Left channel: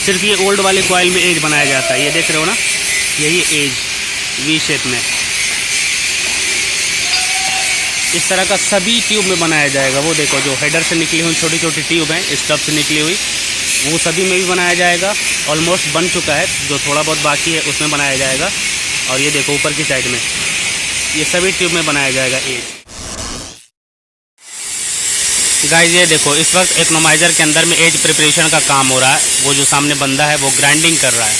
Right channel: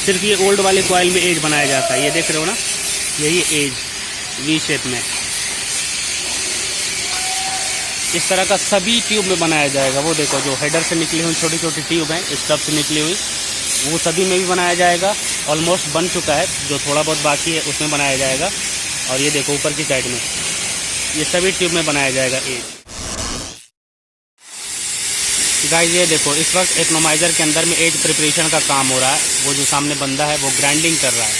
सिर्फ ये ओल्ड वाले कॉइल में एज बनाया जाता है। ये देख रहे हो ना, यही एज वी शेप में इस तरह का सभी ट्यूब में बनाया जाएगा। वो देखो जो हेडर से निकली हुई छोटी छोटी ट्यूब हैं, स्टब से निकली हुई, वो सभी में भी बनाया जाएगा। ऑलमोस्ट बन चुका है, जो थोड़ा बहुत बाकी है उसमें बनाया जाएगा। और ये देखो ऊपर की साइड में ये सभी ट्यूब में बनाया जाएगा एज। गाइस ये देखो इस वक्त इकोनोमाइज़र के अंदर में एज प्रिपरेशन का काम हो रहा है। वो जो सामने बंदा है वो ग्राइंडिंग कर रहा है।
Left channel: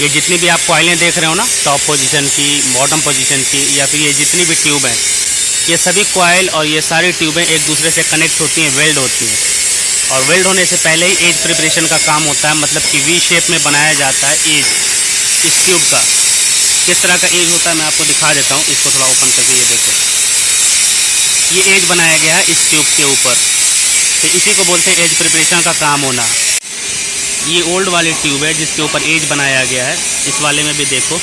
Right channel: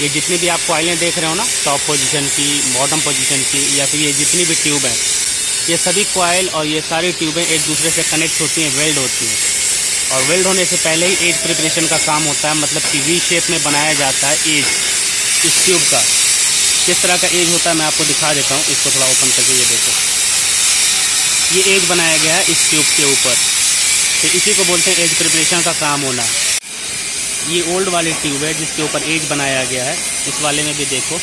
ये जितनी भी आप कॉइलें देख रहे हो ना, टॉप पोजीशन की, बॉटम पोजीशन की, या फिर ये जितनी भी ट्यूब हैं, ये सभी कॉइल और ये सारी ट्यूबें एक दूसरे से कनेक्ट होती हैं, वेल्ड होती हैं। और वेल्ड होने से पहले ही एज प्रिपरेशन का काम होता है, मतलब कि वी शेप में बनाया जाता है एज। इस ट्यूब का किस तरह का एज होता है मैं आपको दिखा देता हूँ। इसको थोड़ा ओपन करके ये देखो, ये एज बनाया गया है इस ट्यूब के ऊपर। तो इसी को बोलते हैं एज प्रिपरेशन का काम होना। ये ओल्ड वाली ट्यूब है जिसके ऊपर एज बनाया गया है। इस वाले में भी देखो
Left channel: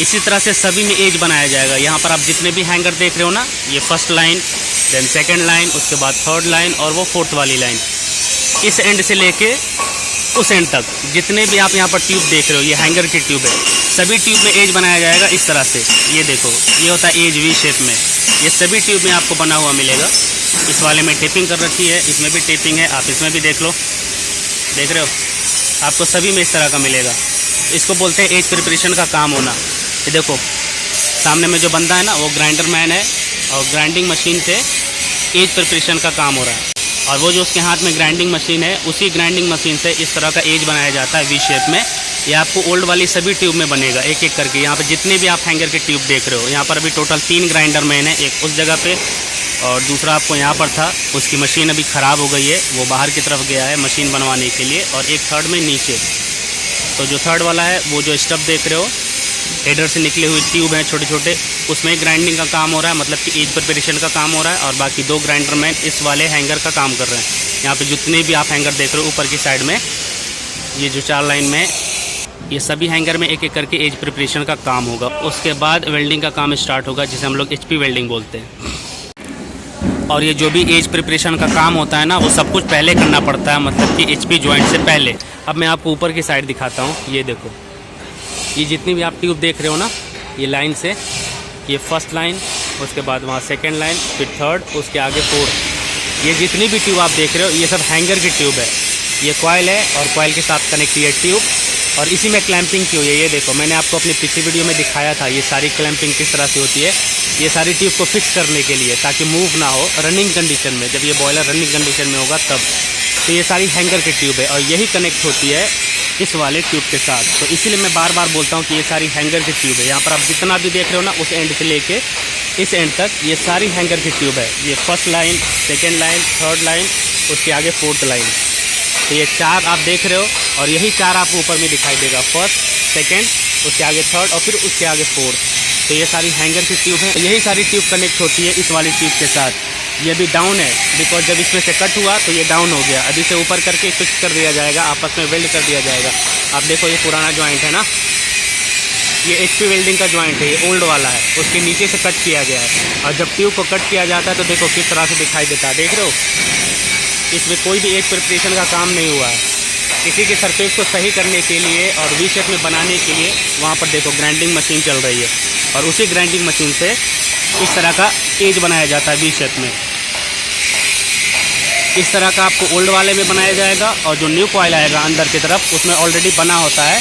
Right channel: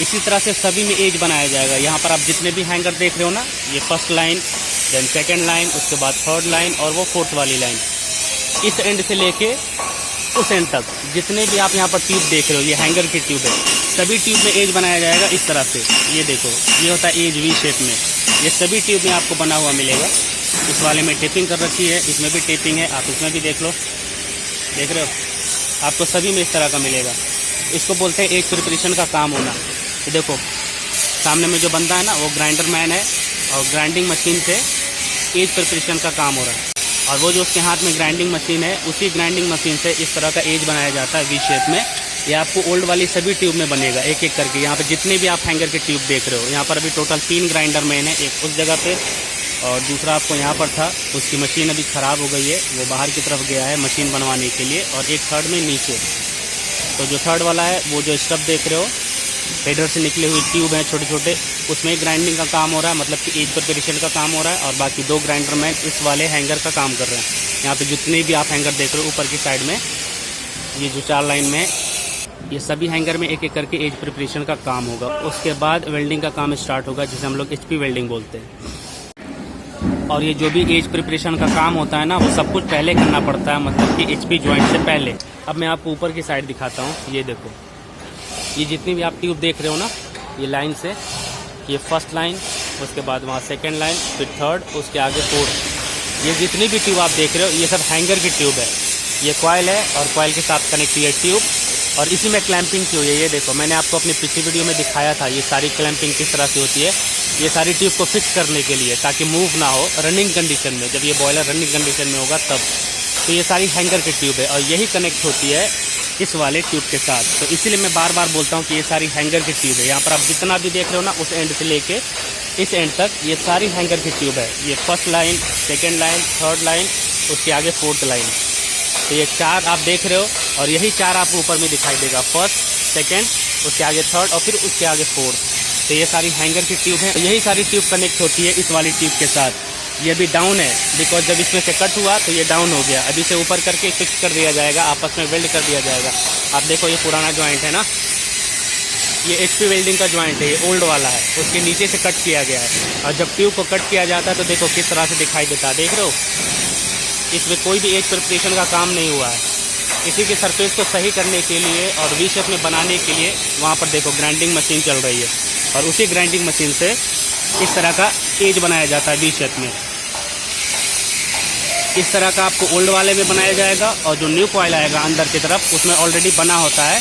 इसी तरह से सभी में एज बनाया जाएगा। यहाँ पर आप जितने भी हैंगर देख रहे हो ना, ये first line, then second line, उसके बाद थर्ड लाइन और वो फोर्थ वाली लाइन, इस एंड से लेके उस एंड तक जितने भी आप यहाँ पर ट्यूब देख रहे हो, ये हैंगर की ट्यूब है, सभी ट्यूब में एज बनाया जाएगा इस तरह से। ये देखो ये होता है एज वी शेप में। ये सभी ट्यूब में आपको बना हुआ मिलेगा। इस वाले में टेपिंग कर रखी है, इसमें भी टेपिंग है, आप इसमें भी देख लो, देख रहे हो, आपको सभी में इस तरह का मिलेगा। इसको बोलते हैं एज प्रिपरेशन का काम होना। ये देखो सामने में जो बंदा है ना, वो ग्राइंडर मैन है और ग्राइंडिंग मशीन से एज प्रिपरेशन का काम हो रहा है। और वो जो उसके हाथ में ग्राइंडिंग मशीन है, उसी ग्राइंडिंग मशीन से इस तरह का एज बनाया जाता है वी शेप में। ये आपको ओल्ड वाली सभी ट्यूब में बनेगा एक एक करके। यहाँ पर जितने भी आप हैंगर के ट्यूब देख रहे हो, यहाँ पर अभी टोटल 3 ग्राइंडर मैन है, एक उस जगह पे और दूसरा आपको यहाँ पर था, उसकी मशीन अभी ख़राब हो गई है, वो बाहर की तरफ गया है मशीन बनवाने के लिए। और एक थर्ड में नीचे, तो जो थर्ड वाला है वो जो स्टब देख रहे हो, हेडर से निकले हुए ट्यूब हैं छोटे छोटे, उसमें ग्राइंडिंग का काम हो रहा है, मतलब कि एज प्रिपरेशन का काम हो रहा है। और बाकी 2 ग्राइंडर मैन इस वाले हैंगर का काम कर रहे हैं। यहाँ पे जितने भी आप हैंगर देख रहे हो ऊपर की साइड में, ये जो 4 लाइन में, ये सभी हैंगर में एक एक करके एज प्रिपरेशन का काम होगा। उसके बाद वेल्डिंग का काम स्टार्ट होगा, जिसे हम लोग HP वेल्डिंग बोलते हैं। और ये जो भी एज प्रिपरेशन का काम होता है ना, वो सब कुछ पहले करना पड़ता है, मतलब कि HP जॉइंट से पहले। अब मैं आपको ऊपर की साइड दिखाता हूँ। ये देखो ये जितनी भी आप ट्यूब देख रहे हो ना, ये लाइन से, ये फर्स्ट लाइन, उसके बाद वहाँ सेकंड लाइन, फिर थर्ड, उसके आगे फोर्थ, ये जितनी भी ट्यूब आप देख रहे हो, ये सब हैंगर की ट्यूब है। ये कॉइल है और कॉइल के साथ कनेक्ट है ट्यूब, और इसी में क्लैंपिंग की हुई है। ये देखो मैंने आपको अपनी पिछली वीडियो में दिखाया था, ये सारी क्लैंपिंग किस तरह से होती है। ये सारी ट्यूब को फिक्स करने के लिए, ताकि मूव ना हो रनिंग कंडीशन में, जब ये बॉयलर रनिंग कंडीशन में होगा तब। तो ये सारी हैंगर की ट्यूब है और यही कनेक्ट होती है इस वाले ट्यूब के साथ। तो इसीलिए मैं बार बार बोलता हूँ कि ये सारी हैंगर की ट्यूब है। यहाँ पर आप जितना भी देख रहे हो ना, उस एंड से लेके इस एंड तक, ये सारी हैंगर की ट्यूब है। ये first line, second line, third line, उसके आगे फोर्थ लाइन। तो ये 4 आप देख रहे हो, और यही 4 आपको ऊपर में दिखाई देगा, फर्स्ट, सेकंड, उसके आगे थर्ड और फिर उसके आगे फोर्थ। तो ये सारी हैंगर की ट्यूब है। तो यही सारी ट्यूब कनेक्ट होती है इस वाली ट्यूब के साथ। ये भी डाउन है, बिकॉज जब इसमें से कट हुआ तो ये डाउन हो गया। अभी से ऊपर करके फिक्स कर दिया जाएगा, आपस में वेल्ड कर दिया जाएगा। आप देखो ये पुराना जॉइंट है ना, ये HP वेल्डिंग का जॉइंट है, ये ओल्ड वाला है, उसके नीचे से कट किया गया है। और जब ट्यूब को कट किया जाता है तो देखो किस तरह से दिखाई देता है, देख रहे हो। इसमें कोई भी एज प्रिपरेशन का काम नहीं हुआ है। इसी के सरफेस को सही करने के लिए और वी शेप में बनाने के लिए वहाँ पर देखो ग्राइंडिंग मशीन चल रही है, और उसी ग्राइंडिंग मशीन से इस तरह का एज बनाया जाता है वी शेप में। इस तरह का आपको ओल्ड वाले में बनाया जाएगा, और जो न्यू कॉइल आएगा अंदर की तरफ, उसमें ऑलरेडी बना होता है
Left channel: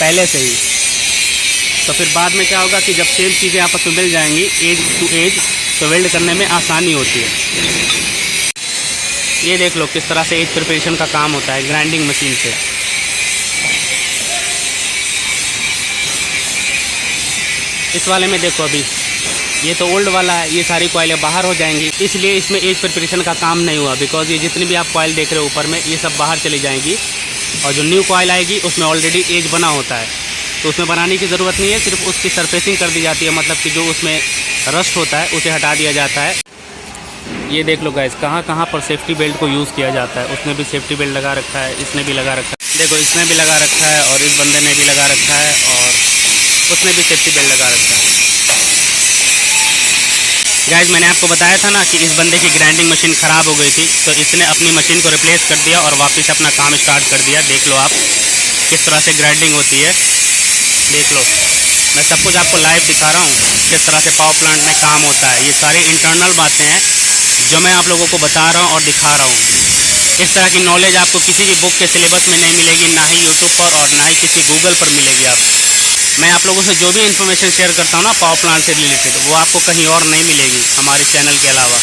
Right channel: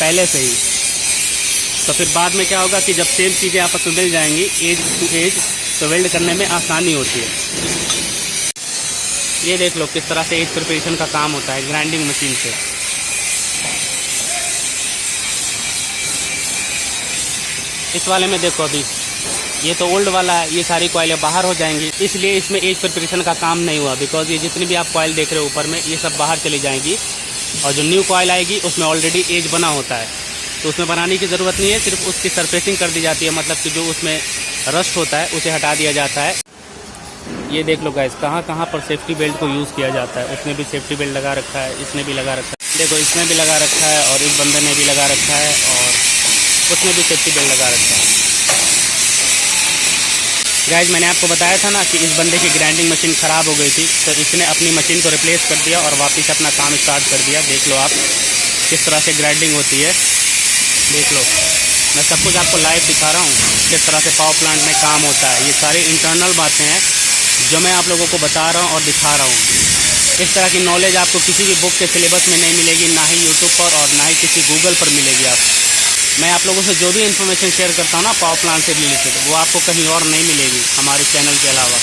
पहले से ही। तो फिर बाद में क्या होगा कि जब सेम चीज़ें आपस में मिल जाएंगी एज टू एज, तो वेल्ड करने में आसानी होती है। ये देख लो किस तरह से एज प्रिपरेशन का काम होता है ग्राइंडिंग मशीन से। इस वाले में देखो अभी ये तो ओल्ड वाला है, ये सारी कॉइलें बाहर हो जाएंगी, इसलिए इसमें एज प्रिपरेशन का काम नहीं हुआ। बिकॉज ये जितनी भी आप कॉइल देख रहे हो ऊपर में, ये सब बाहर चली जाएंगी, और जो न्यू कॉइल आएगी उसमें ऑलरेडी एज बना होता है, तो उसमें बनाने की ज़रूरत नहीं है। सिर्फ उसकी सरफेसिंग कर दी जाती है, मतलब कि जो उसमें रस्ट होता है उसे हटा दिया जाता है। ये देख लो गाइस, कहाँ कहाँ पर सेफ्टी बेल्ट को यूज़ किया जाता है। उसने भी सेफ्टी बेल्ट लगा रखा है, इसने भी लगा रखा है, देखो इसने भी लगा रखा है, और इस बंदे ने भी लगा रखा है, और उसने भी सेफ्टी बेल्ट लगा रखा है। गाइज मैंने आपको बताया था ना कि इस बंदे की ग्राइंडिंग मशीन ख़राब हो गई थी, तो इसने अपनी मशीन को रिप्लेस कर दिया और वापस अपना काम स्टार्ट कर दिया। देख लो आप किस तरह से ग्राइंडिंग होती है, देख लो। मैं सब कुछ आपको लाइव दिखा रहा हूँ किस तरह से पावर प्लांट में काम होता है। ये सारी इंटरनल बातें हैं जो मैं आप लोगों को बता रहा हूँ और दिखा रहा हूँ। इस तरह की नॉलेज आपको किसी भी बुक के सिलेबस में नहीं मिलेगी, ना ही यूट्यूब पर और ना ही किसी गूगल पर मिलेगी। मैं आप लोगों से जो भी इन्फॉर्मेशन शेयर करता हूँ ना पावर प्लांट से रिलेटेड, वो आपको कहीं और नहीं मिलेगी हमारे चैनल के अलावा।